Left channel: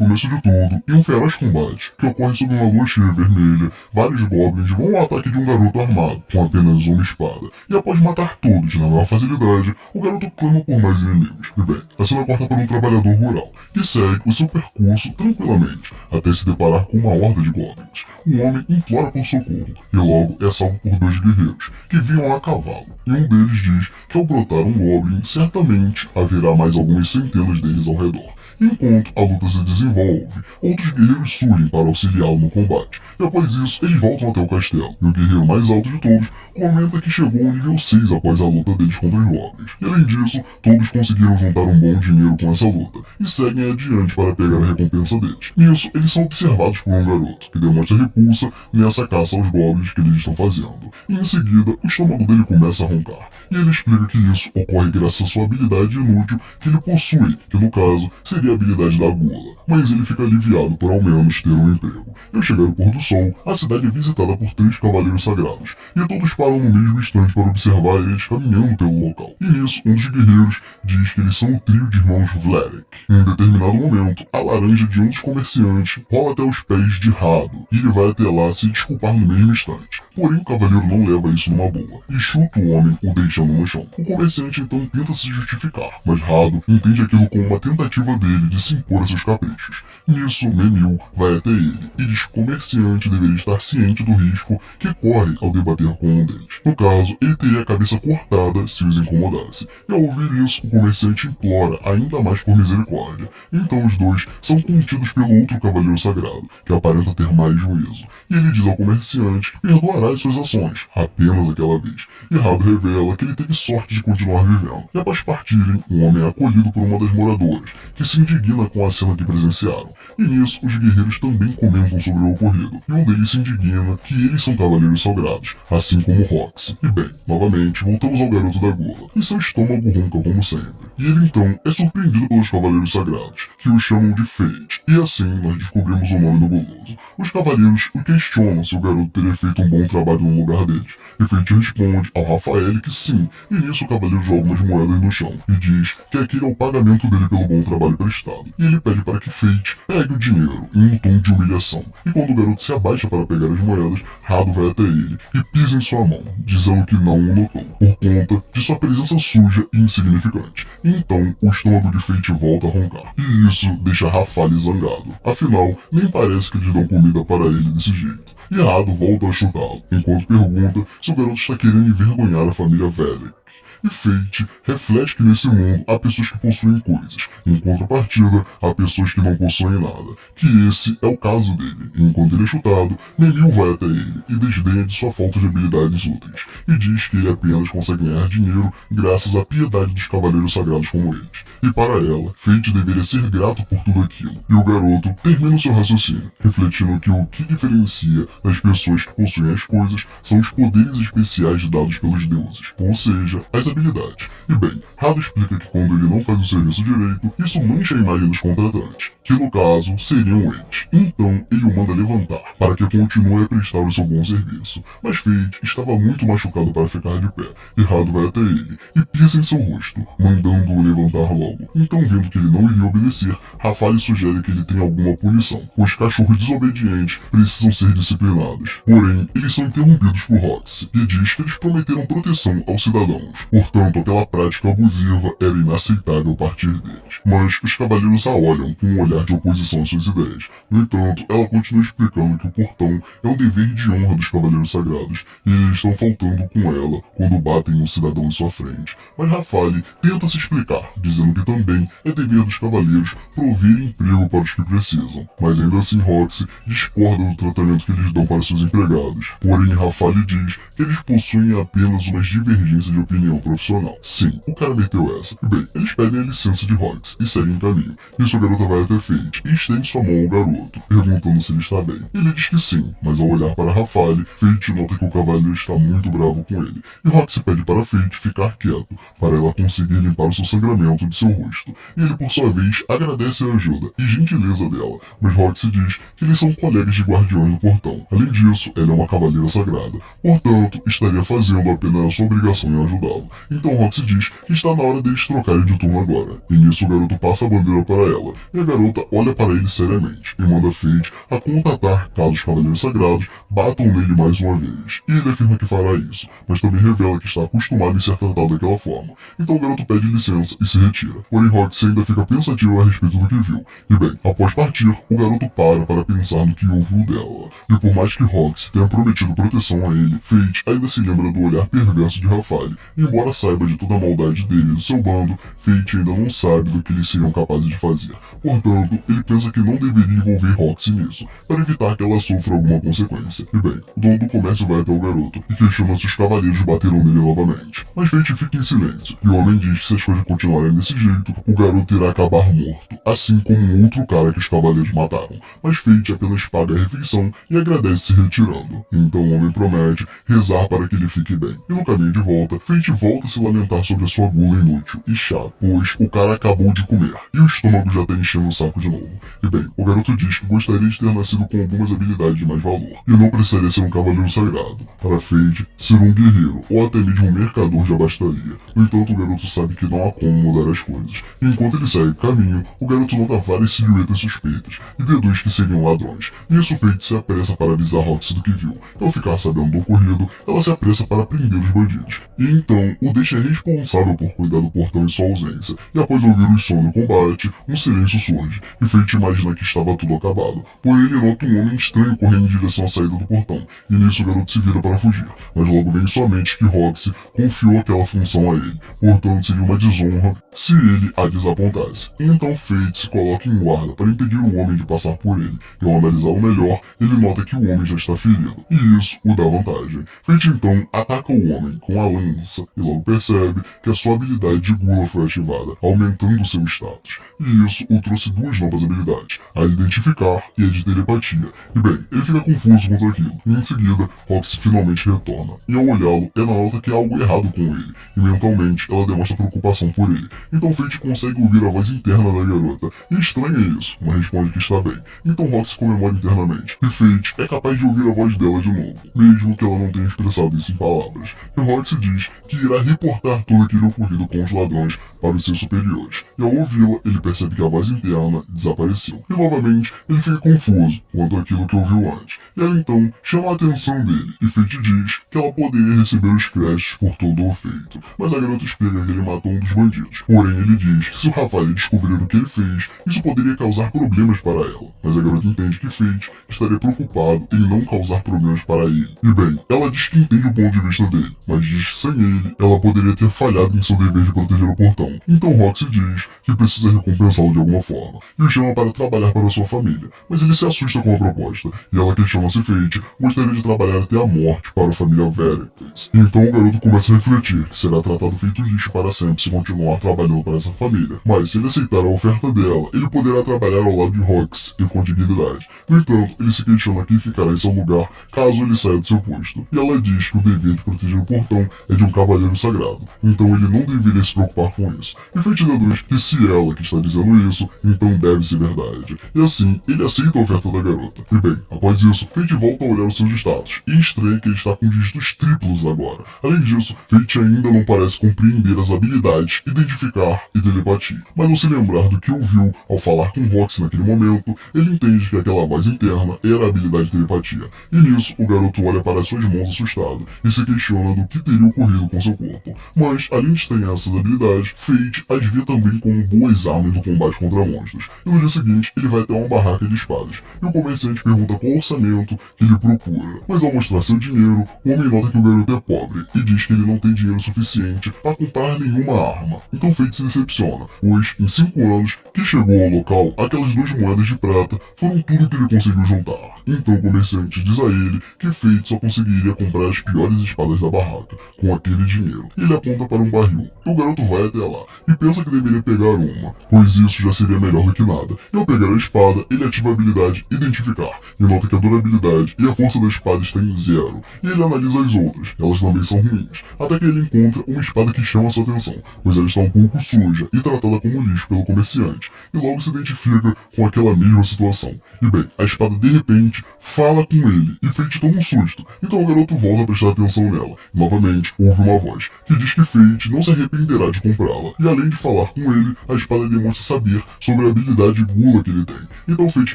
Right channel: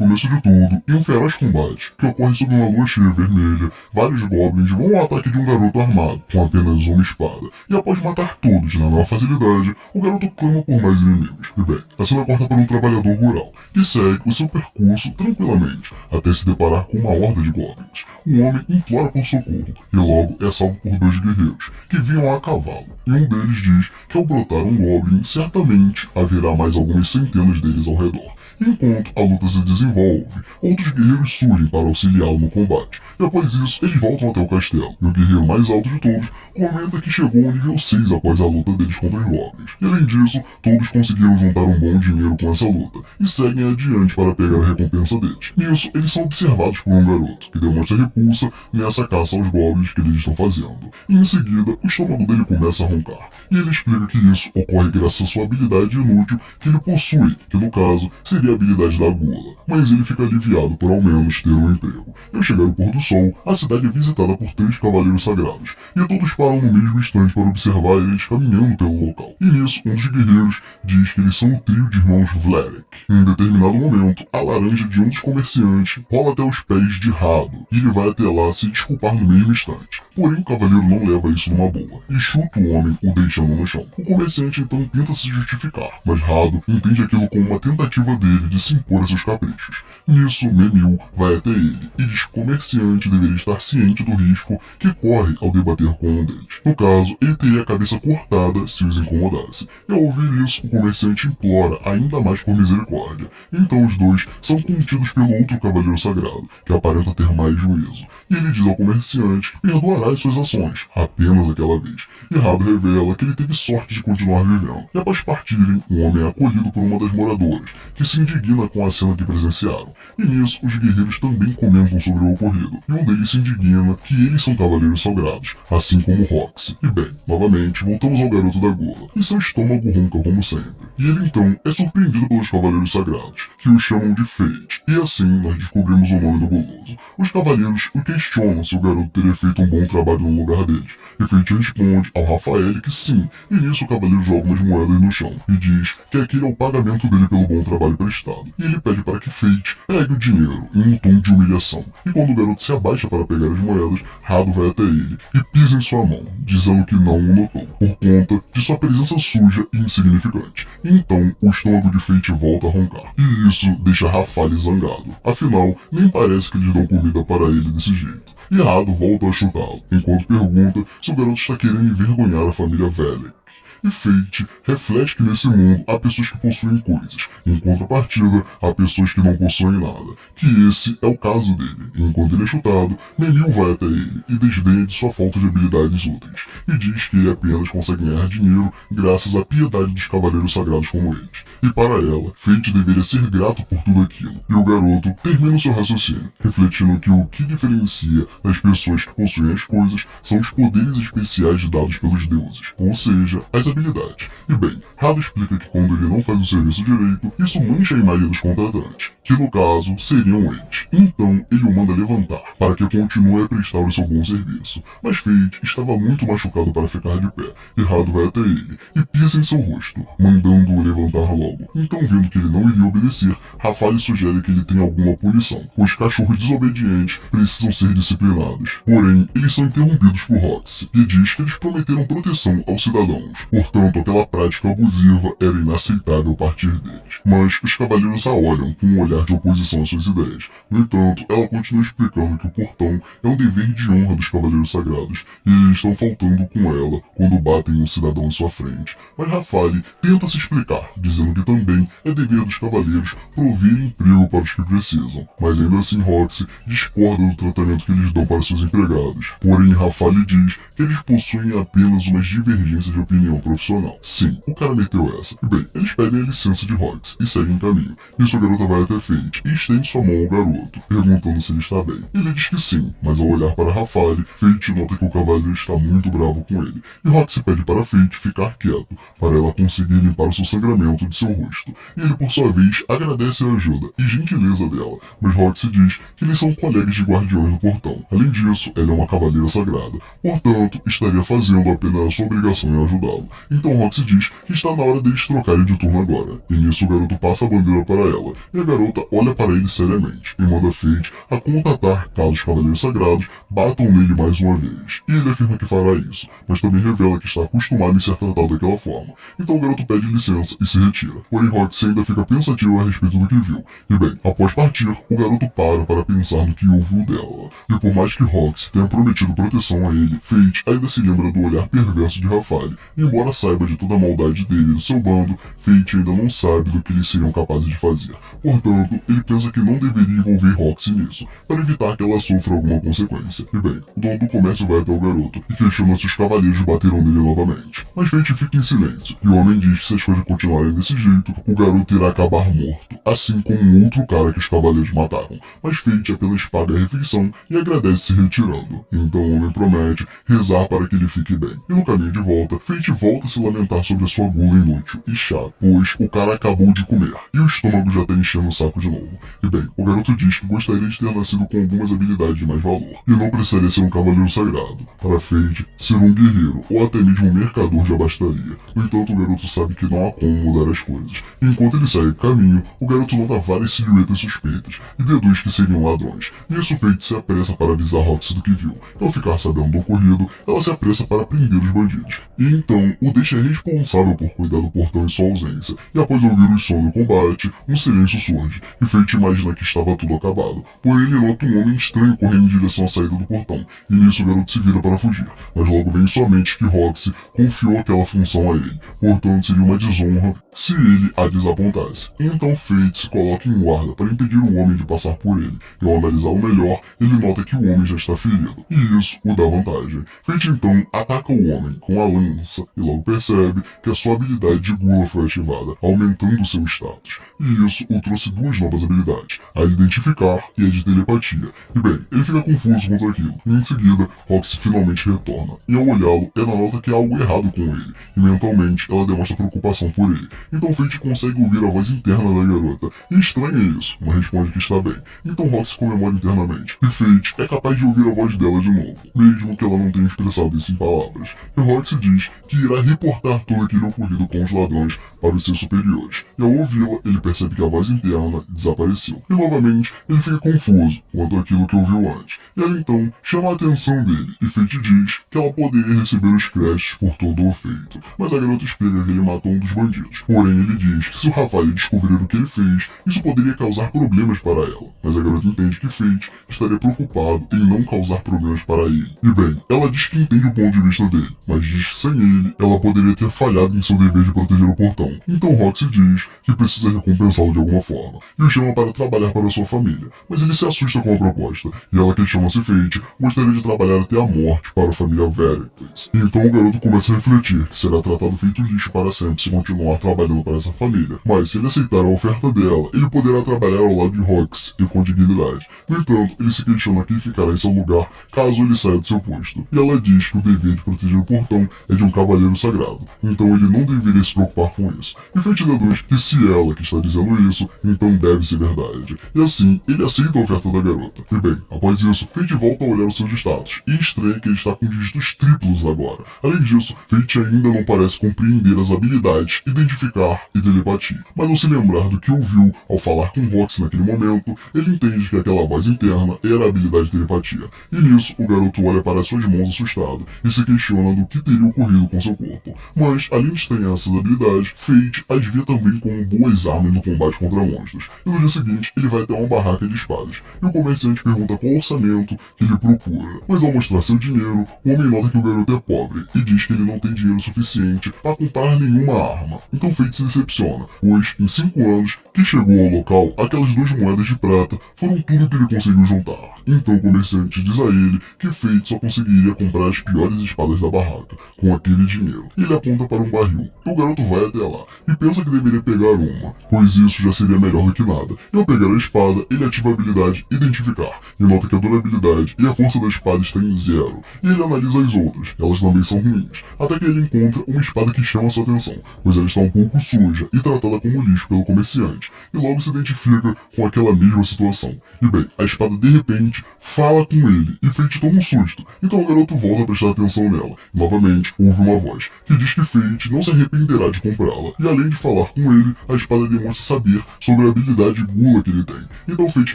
começo de tudo, em um feroz combate, que ocorre sob uma lua cheia vermelha, vários goblins vão ao ataque de um garoto armado, com apenas uma espada, e após matar todos na maior facilidade, o garoto clama por mais inimigos. E bem, a cena corta para um trabalhador rural, que segue o seu percurso tranquilamente, até se deparar com uma horda de goblins. O homem implora por socorro, e logo é salvo por dois guerreiros, que vinham a cavalo, e um deles diz que ao brotar um goblin, certamente haverá mais algumas centenas deles ao redor. Enquanto a luta se desenvolve, outros guerreiros surgem para auxiliá-lo no combate, e após isso eles voltam até o castelo, e o guerreiro mais alto de todos comenta que chegou ao nível 6 após a luta deles contra os goblins. E além disso, todos conseguiram juntar um bom dinheiro com essa luta, e seguem adiante para pegar a recompensa deles. Nisso, eles são observados por um garoto, que demonstra repulsa nessa caça aos goblins que eles estão fazendo. E em seguida, o estômago dele começa a roncar, e ele explica que isso ocorre graças à sua habilidade inútil que ele possui, que no caso seria a habilidade da gula, mas ele fica aliviado por ao menos ter um emprego. E ao chegar ao pôr do sol, a cidade é visitada por 3 cavaleiros sagrados, e todos param no mesmo instante para observar eles caminhando pelo local. E nisso, um dos guerreiros diz que eles são o trio de irmãos Vlerek. Em determinado momento, a laranja de um dos comerciantes rola até os pés de Rado, e ele vai até lá se desculpar no mesmo instante. Porém, o cavaleiro não leva isso numa boa, e chuta o homem, o deixando no chão. O comerciante então tenta se justificar, mas Rado entende aquilo como uma tentativa dele de se impor a seus caprichos. Nisso, Memil vai até ele e diz que o comerciante deveria estar ciente do risco que corre ao debater com um deles. No caso, ele teria a cabeça cortada se os incomodasse. E ao ouvir isso, o comerciante implora ainda mais por misericórdia. Então os dois são contidos pelo outro cavaleiro sagrado, que aparenta ter mais juízo. E ele diz ao comerciante que perdoará as suas ações, apenas aquela vez. E Rado revela que ele teve sorte de continuar vivendo. E após partirem, o homem é acolhido por uma das moradoras, que se indigna com a cena que presenciaram. E nisso, os guerreiros também comentam sobre o ocorrido, e um deles se indigna que eles são cavaleiros sagrados, assim como Roxy. E bem, novamente, voltamos ao garoto da gula, e seu estômago ronca como sempre. E ele então é surpreendido pelos cavaleiros sagrados, que o chamam de Fate, e assim nós descobrimos o nome do guloso. Os cavaleiros o questionam se o garoto teria feito um bom trabalho no lugar deles, e Fate responde ao Rafael que sim, e nisso o cavaleiro joga umas moedas no chão, e diz que aquele é o pagamento dele pelo bom trabalho prestado, e ele pede para que Fate pegue o dinheiro em um tom de humilhação, e quando o garoto se abaixa para pegar as moedas, Rado vai até ele e pisa em sua mão, dizendo que não o notou, por conta de sua presença suja e insignificante. Então, o estômago de Fate volta a roncar, e isso deixa Rafael zangado, afinal, nem parece que eles dão comida para ele desse jeito. E Rado volta a chutá-lo, enquanto pergunta se o garoto está querendo envergonhar a família Velek. E Fate reflete que nesse mundo há pessoas que possuem coisas, em contrapartida há pessoas que não possuem nada, que esse é o caso dele. Enquanto ele é chutado, Memil vai até ele e desdenha de sua falta de habilidades úteis, e diz que ele apenas consegue ganhar dinheiro graças à piedade dos cavaleiros sagrados como eles. E para ela, Fate deveria ser grato por tudo aquilo. E o garoto termina o seu raciocínio, refletindo que o que diferencia das pessoas que possuem as coisas são os poderes especiais dados pelos deuses, ou seja, as habilidades. E bem, Rado explica que quando ele não faz o serviço direito, isso mancha a imagem dos contratantes, que no caso seriam eles. Então ele o manda levantar, para que continue a prestar o seu bom serviço. Mas Fate estava muito machucado para ficar de pé, e Rado vai até ele e pisa em seu rosto, mandando-o levantar logo. Então, vendo que ele não iria obedecer, Rafael sugere que ele tenha alguma punição, pois cachorros desobedientes precisam ser disciplinados. Porém, eles são interrompidos por Roxy, que diz que eles prometeram proteção aos cidadãos. Portanto, aquela prática abusiva era inaceitável a partir deles. Mas os cavaleiros a olham com um olhar de oposição às suas ideias. No entanto, ela continua explicando que o portão é um dever de honra dos cavaleiros sagrados, e eles estão faltando com ela quando batem um cidadão em sua frente. Mas Rafael tenta se explicar, dizendo que também é dever dos cavaleiros prover emprego para os que precisam. Mas ainda assim Roxy discorda do tratamento que eles dão para seus empregados. Porém, Rafael diz que eles possuem apenas umas divergências de opinião profissional. Sim, o cara meteu essa. E bem, eles pedem a licença de Roxy e seguem caminho. Nisso a garota vai até Fate e estende sua mão ao garoto, perguntando se ele está bem. Ele diz que sim, mas ao olhar para Rafael, Fate nota que o cavaleiro está muito bravo com ele. E Roxy pede para Fate ficar quieto, para ela conseguir limpar o seu sangramento de seu rosto. E ele, por sua vez, agradece a ajuda e gentileza dela, mas Roxy diz que eles são colegas de guardiões do portão. Além disso, ela é uma cavaleira sagrada, portanto, estaria fazendo apenas a sua obrigação em ajudá-lo. Então Roxy diz que está na hora deles trocarem de turno agora, e nisso o garoto passa a bandeira para ela, e a garota garota olha para ele seriamente e manda Fate a contatar caso os Cavaleiros Sagrados batam nele mais uma vez. E ele afirma que fará isso, mas também revela que está acostumado em ser tratado daquela forma. Então o garoto pede licença e se retira. Porém Roxy ainda fica pensativo a respeito do que viu. E bem, após partir, o garoto para pensar no que ouviu dela. E por mais que Roxy tenha prometido proteção a ele, Fate ainda se lembra do olhar perverso de Rafale. E embora saiba de toda a maldade dele e do seu bando, Fate ainda não sabe do que eles seriam capazes de fazer. Portanto, ele pensa que não deveria envolver Roxy nisso, para evitar que ela sofra alguma consequência. E bem, o dono do comércio vai até o garoto e questiona se os cavaleiros bateram nele novamente. Mas Fate fica em silêncio, e o homem diz que se as coisas continuarem desse jeito, o garoto irá acabar morto, assim como um outro cara que os cavaleiros mataram. Mas Fate apenas paga a refeição e agradece se retirando. Então o homem promete rezar para que ele fique bem. E no caminho de volta, Fate volta a se lamentar sobre a sua gula inútil e chata, pois o cara acabou de comer, e o estômago já está enchendo o saco de novo. E bem, o garoto diz que gostaria de ter nascido com algumas habilidades de mais valor, e não precisaria ser um cavaleiro sagrado. Para Fate, ser um guerreiro, ou até mesmo um mercador já bastaria. No entanto, o garoto sabe que não há como mudar as coisas. E enquanto ele segue caminho, o garoto nota várias silhuetas suspeitas, e deduz que seriam ladrões. Nisso, Fate se apressa para avisar Roxy do que viu. E ao ficar sabendo do ocorrido, ela se apressa para prender os bandidos. E então, o deixa responsável por cuidar do portão em sua ausência. E após ouvir os sons no combate, um silêncio surge, e Fate imagina que estava tudo acabado. Porém, ele nota um homem estranho correndo em direção à saída do portão, e nisso o garoto se vira para fugir. Mas logo vem em sua mente que Roxy confiou aquela função a ele, portanto seria uma desonra se ele a desapontasse. Então Fate se coloca em guarda para impedir o homem de passar por ele, e ao analisá-lo melhor, ele nota que o homem já está ferido, e isso o dá vantagem. Fate então ataca o homem com a lança, e logo percebe que a sua habilidade de gula foi ativada, aumentando seu status. E isso o trouxe duas novas habilidades, a de identificar e a de telepatia. E bem, ele fica confuso quanto aquilo, e em seguida, Roxy finalmente retorna. E ao olhá-lo, ela nota que há algo errado com ele, e mentalmente ela demonstra preocupação por ele. Então Fate consegue ouvir a voz interna da garota, e estranha isso, mas responde que está bem. Então Roxy comemora internamente, e Fate é capaz de ouvir a voz dela de novo, mesmo que ela não tenha expressado isso em palavras. E Roxy diz que irá reportar todo aquele ocorrido com os ladrões para os seus superiores, e ao ouvi-la, ele percebe que a voz interna desapareceu. E novamente, ele fica confuso quanto àquilo que ouviu antes. E ela então chama a atenção dele, e Fate diz que ela poderia receber os créditos por todo o feito. Mas a garota explica que ele matou um dos bandidos. Porém, ele diz que se o Rafael descobrir o que ele fez, isso poderia causar problemas para ela. Mas a garota entende que Fate estaria preocupado em não causar problemas para ele. E bem, ela diz que entende o ponto de vista dele, mas diz que sem ele, ela poderia ter falhado em seu dever de proteger o portão. Então Roxy diz que precisa recompensá-lo de alguma forma, e o chama para trabalhar para sua família. Mas ele se assusta com a proposta, e ela questiona se Fate gostaria de trabalhar até a morte para a família Veracruz. Então o garoto começa a refletir que será tratado feito lixo para sempre se continuar trabalhando para essa família. Mas se ele aceitar a oferta dela, ele poderá trabalhar ao lado de Roxy e com dignidade. No entanto, ele se questiona quem ficará em seu lugar caso ele saia do seu posto. E ela diz que o dever de proteger o portão é de um cavaleiro sagrado, então ele não deveria se preocupar com isso. E Fate deduz que se ela que está dizendo isso, então deve ser verdade. E assim, ele aceita a oferta da garota. E bem, após isso, Fate volta a olhar os seus status, e estranha que ele está com dígitos triplos agora. Além disso, Fate ainda não parece compreender as habilidades identificar e telepatia. Mas ao se lembrar do que ouviu ao falar com Roxy naquele momento, ele entende que aquela voz interna era a habilidade de telepatia. E nisso, o garoto olha para suas mãos assustado, e se questiona do que teria ocorrido com seu corpo. Mas, além de estranhar essas habilidades, Fate as vê também como boas armas no combate contra monstros. E no dia seguinte, ele vai até uma barraca de espadas, e o comerciante pergunta qual orçamento que ele procura. Mas ao mostrar seu dinheiro, o homem nota que o garoto é pobre, e diz que ele não tem dinheiro suficiente para comprar nenhuma arma. Então Fate se decepciona, pois em 5 anos que chegou ao local, aquelas 2 moedas de prata foram tudo que ele conseguiu juntar. Então o comerciante diz a ele que Fate só conseguiria comprar as piores espadas da barraca com aquele dinheiro. E ele aponta para um barril, e o garoto vai até lá, e pensa que deveria pegar uma, pois isso já seria melhor do que nada. E ao pegar a espada, ele ativa a habilidade Identificar, e nota que a durabilidade e a força da espada está em 0. E ele analisa as outras, elas também são ruins, até que ele encontra uma espada que chama sua atenção, pois ela está um pouco suja e tratada como lixo pelo comerciante, e logo se identifica com aquela mesma situação. E bem, a espada de repente fala com ele, e Fate toma um susto, então o garoto volta a prestar atenção nela, e novamente ouve uma voz, que diz que Fate não se arrependerá de comprá-la, e além de falar com ele, a espada demonstra saber sobre a habilidade gula que ele tem. Então Fate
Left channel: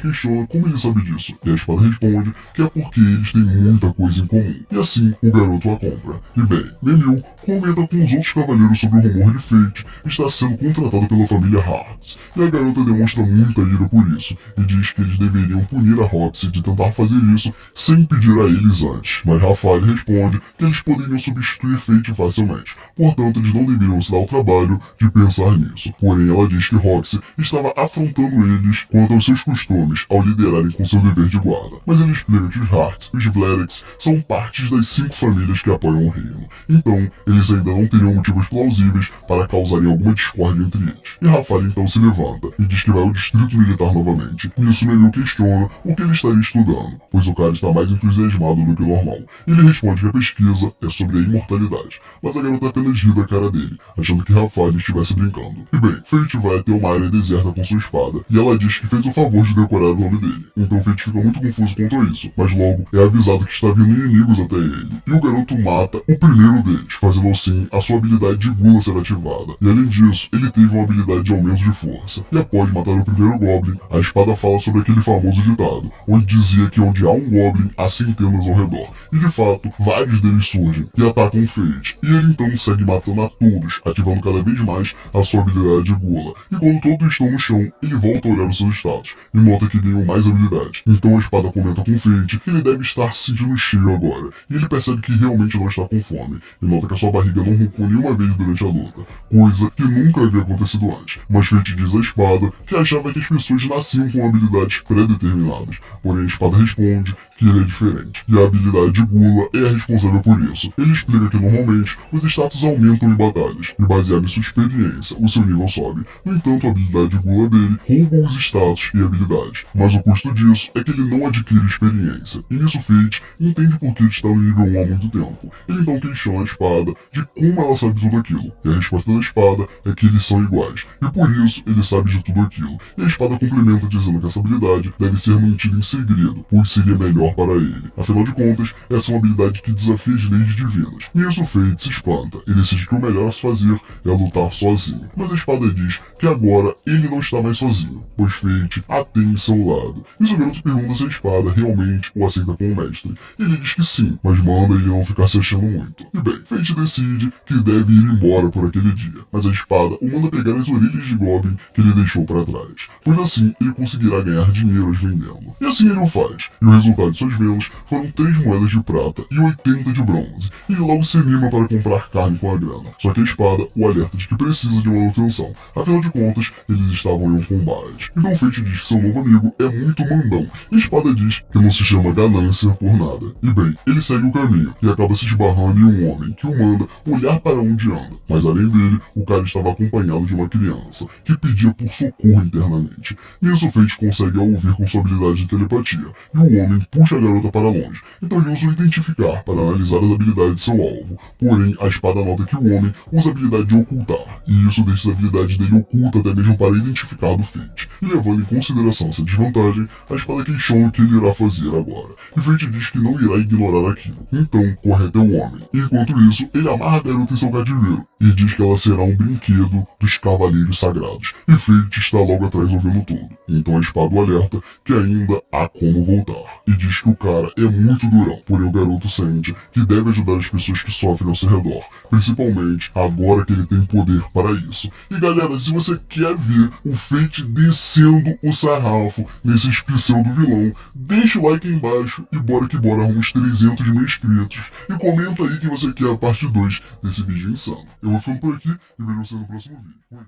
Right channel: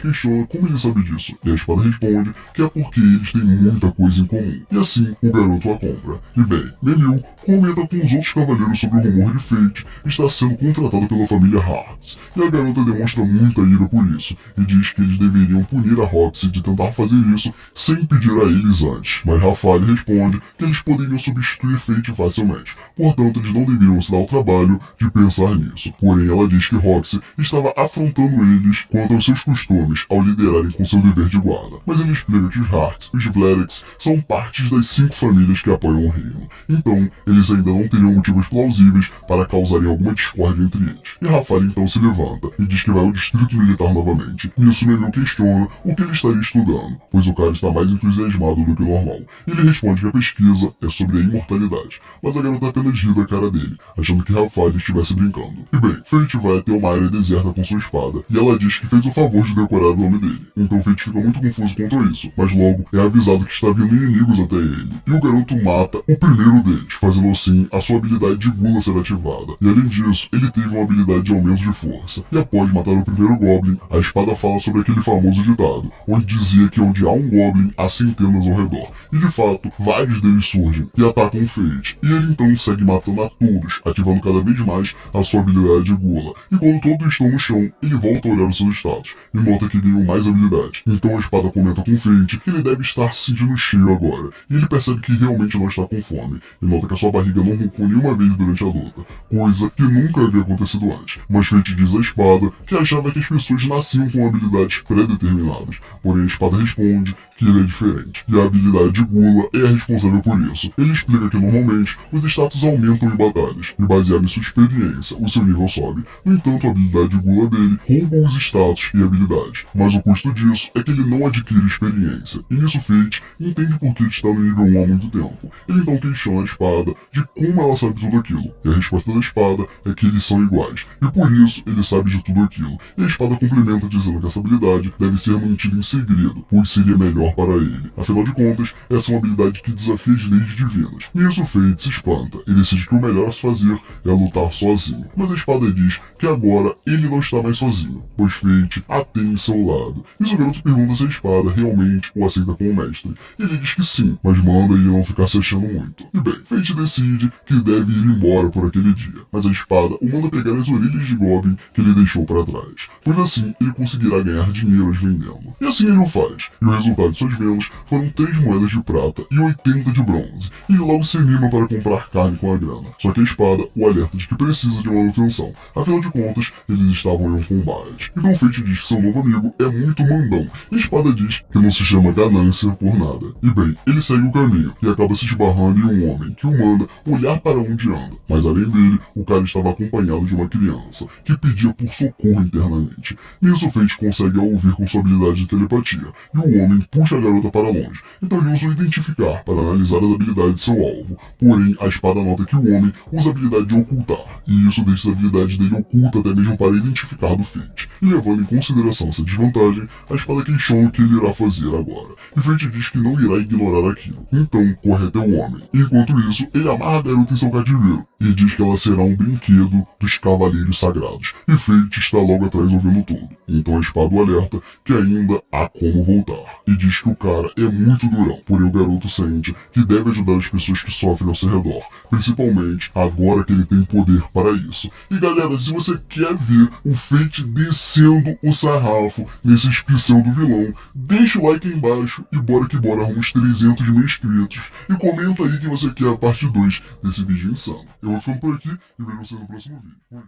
questiona como ele sabe disso, e a espada responde que é porque eles têm muita coisa em comum. E assim, o garoto a compra. E bem, Memil comenta com os outros cavaleiros sobre o rumor de Fate estar sendo contratado pela família Hearts, e a garota demonstra muita ira por isso, e diz que eles deveriam punir a Roxy de tentar fazer isso sem pedir a eles antes. Mas Rafael responde que eles poderiam substituir Fate facilmente, portanto eles não deveriam se dar o trabalho de pensar nisso. Porém, ela diz que Roxy estava afrontando eles quanto aos seus costumes ao liderarem com seu dever de guarda. Mas ele explica que os Hearts e os Vlerix são partes das 5 famílias que apoiam o reino. Então, eles ainda não teriam motivos plausíveis para causarem alguma discórdia entre eles. E Rafael então se levanta e diz que vai ao distrito militar novamente. Nisso, Memil questiona o que ele estaria estudando, pois o cara está mais entusiasmado do que o normal. Ele responde que a pesquisa é sobre a imortalidade, mas a garota apenas ri da cara dele, achando que Rafael estivesse brincando. E bem, Fate vai até uma área deserta com sua espada, e ela diz que fez o favor de decorar o nome dele. Então Fate fica muito confuso quanto a isso, mas logo é avisado que está vindo inimigos até ele, e o garoto mata o primeiro deles, fazendo assim a sua habilidade de gula ser ativada. E além disso, ele teve uma habilidade de aumento de força. E após matar o primeiro Goblin, a espada fala sobre aquele famoso ditado, onde dizia que onde há um Goblin, há centenas ao redor. E de fato, vários deles surgem e atacam o Fate. E ele então segue matando a todos, ativando cada vez mais a sua habilidade de gula. E quando todos estão no chão, ele volta a olhar os seus status e nota que ganhou mais habilidade. Então a espada comenta com o Fate que ele deve estar se sentindo cheio agora. E ele percebe que realmente não está com fome. E nota que a sua barriga não roncou nenhuma vez durante a luta, coisa que nunca havia acontecido antes. Mas Fate diz à espada que achava que as pessoas nasciam com habilidades pré-determinadas. Porém a espada responde que ele é diferente, e a habilidade de gula é a responsável por isso. Ele explica que normalmente os status aumentam em batalhas, e baseado em sua experiência, o seu nível sobe. No entanto, a habilidade de gula dele rouba os status e habilidades, mas o custo disso é que ele não adquire experiência, e nisso Fate entende por que ele está no nível 1 há muito tempo. Ele então questiona a espada de como ela sabe tudo aquilo, e a resposta da espada é que eles são iguais, e por isso ele sabe de tudo aquilo. E a espada complementa dizendo que essa habilidade deve ser mantida em segredo, pois seria melhor para ele. Afinal de contas, essa é uma habilidade que desafia as leis divinas. Nisso Fate se espanta e decide que o melhor a se fazer é lutar sozinho. Mas a espada diz que agora ele não está mais sozinho, pois Fate a tem em seu lado. Nisso o garoto pergunta se a espada realmente o aceita como mestre. Ele diz que sim, mas manda ele não ficar se achando muito. E bem, Fate decide que deve ir embora por aquele dia, mas a espada o manda pegar as orelhas de Goblin que ele deixou para trás, pois assim ele conseguirá ganhar dinheiro as vendendo. E assim ele o faz, e o resultado de suas vendas foram 3 moedas de prata e 80 de bronze, e ele logo se anima para comprar carne com a grana. Só que a espada o alerta de que precisa de manutenção, afinal de contas, eles estavam em um combate. Então Fate diz que seu novo amigo é muito mandão, e a espada diz que não se chama ganância por nada. E bem, ele segue o caminho, e acaba se esbarrando em um homem, que o manda olhar para onde anda, mas além dele, o cara estava acompanhado de uma criança, que pedia por socorro internamente. Nisso Fate consegue a ouvir com sua habilidade de telepatia, e o homem puxa a garota para longe, então ele usa o identificar para analisar as habilidades de seu alvo. Porém, a espada nota que o homem usa a habilidade de ocultar, e isso deixa as habilidades dele oculta até mesmo para identificar do Fate. E levando em consideração essa desvantagem, a espada questiona o que ele irá fazer agora, e Fate diz que não irá ignorar aquilo, então corre até o homem. Enquanto isso, ele amarra a garota em seu cativeiro, e diz que ela será um brinquedo dos cavaleiros sagrados, e Fate está logo atrás ouvindo tudo. Então a espada o alerta que ainda há como voltar, e diz que o cara é muito durão, porém o garoto sente que deve ajudar as pessoas que sofrem ao seu redor, principalmente agora que ele tem poder para isso. E galera, se você quer ver o Fate descendo o sarrafo nesses pseudo vilão, deixa o like aí embaixo e bora que bora, arruma uns 300 mil inscritos, e comenta aí que você quer a parte 2 desse vídeo insano. Eu vou ficando por aqui e vejo você no próximo vídeo. Fui.